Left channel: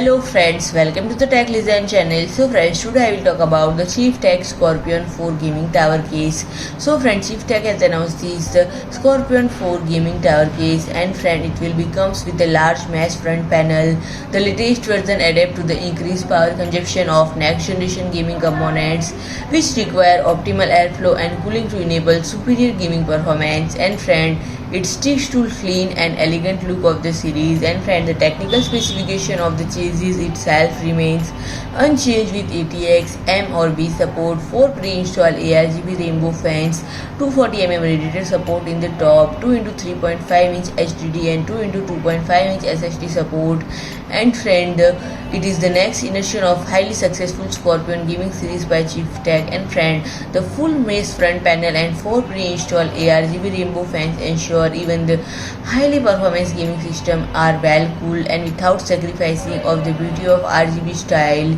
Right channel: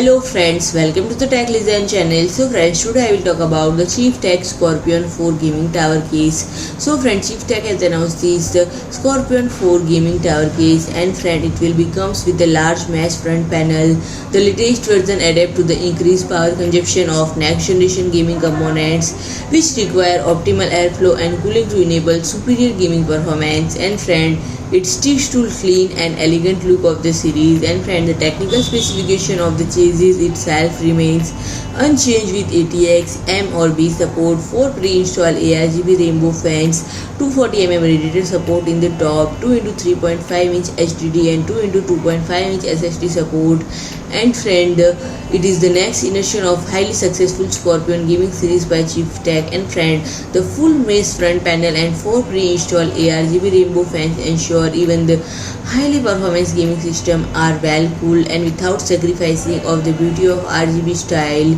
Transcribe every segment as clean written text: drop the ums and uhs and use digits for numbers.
Hello friends, welcome to the Tech Listen channel. So friends, today I will talk about the CHIEFTEC Scorpion 4 gaming tower case. So friends, CHIEFTEC has announced this Scorpion 4 gaming tower case, and friend, it will be comes with a large mesh front panel. The latest version adapts to the increased power consumption of next generation gaming components, which require optimal airflow and cooling to enable superior gaming performance. And friend, it sticks to clean and elegant look of the series. And friend, the technical specification of the chassis itself remains unchanged with ATX M or B support, 4 pre-installed A-RGB rainbow fans, 240mm radiator support in the top, 2 into 3.5 inch HDD and 2 into 2.5 inch SSD support. And friend, it is the next iteration of highly successful Scorpion gaming series by CHIEFTEC. And friend, the full mesh front panel and 4 pre-installed A-RGB rainbow fans ensure even the highly performance gaming system are well cooled and without sacrificing of the beauty of RGB style.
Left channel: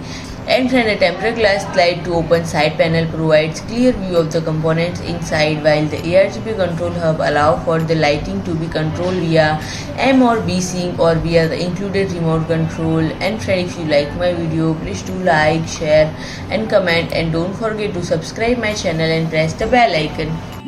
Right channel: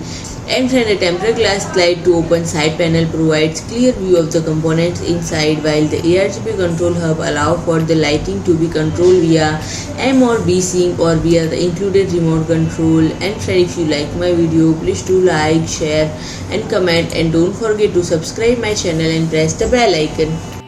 And friend, a tempered glass slide to open side panel provides clear view of the components inside, while the A-RGB control hub allows for the lighting to be controlled via M or B sync or via the included remote control. And friend, if you like my video, please do like, share and comment, and don't forget to subscribe my channel and press the bell icon.